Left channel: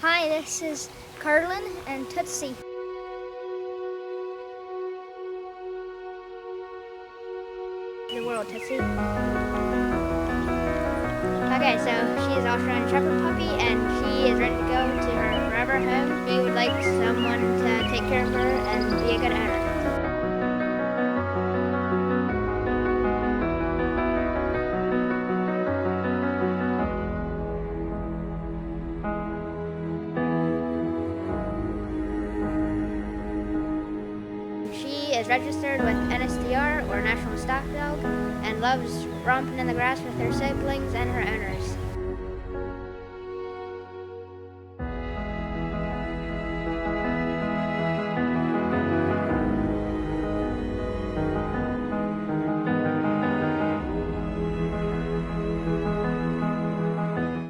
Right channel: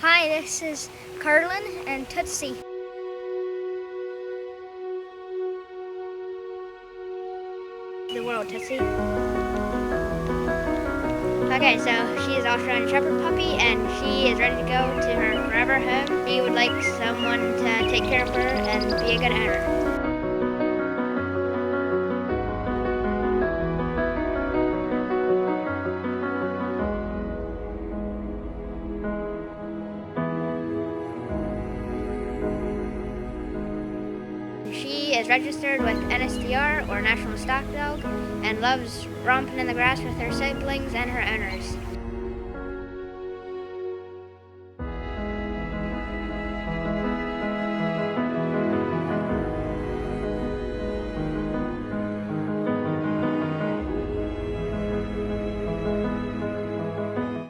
Hi, this is Carlin and Tootsie. The world, Tootsie. Okay, so she is an Australian Shepherd puppy, and she is ready to go to her forever home. She would like someone to take care of her and be a good owner. She is registered with NSDR, or National Stock Dog, and loves romping in the grass with her siblings and her owners.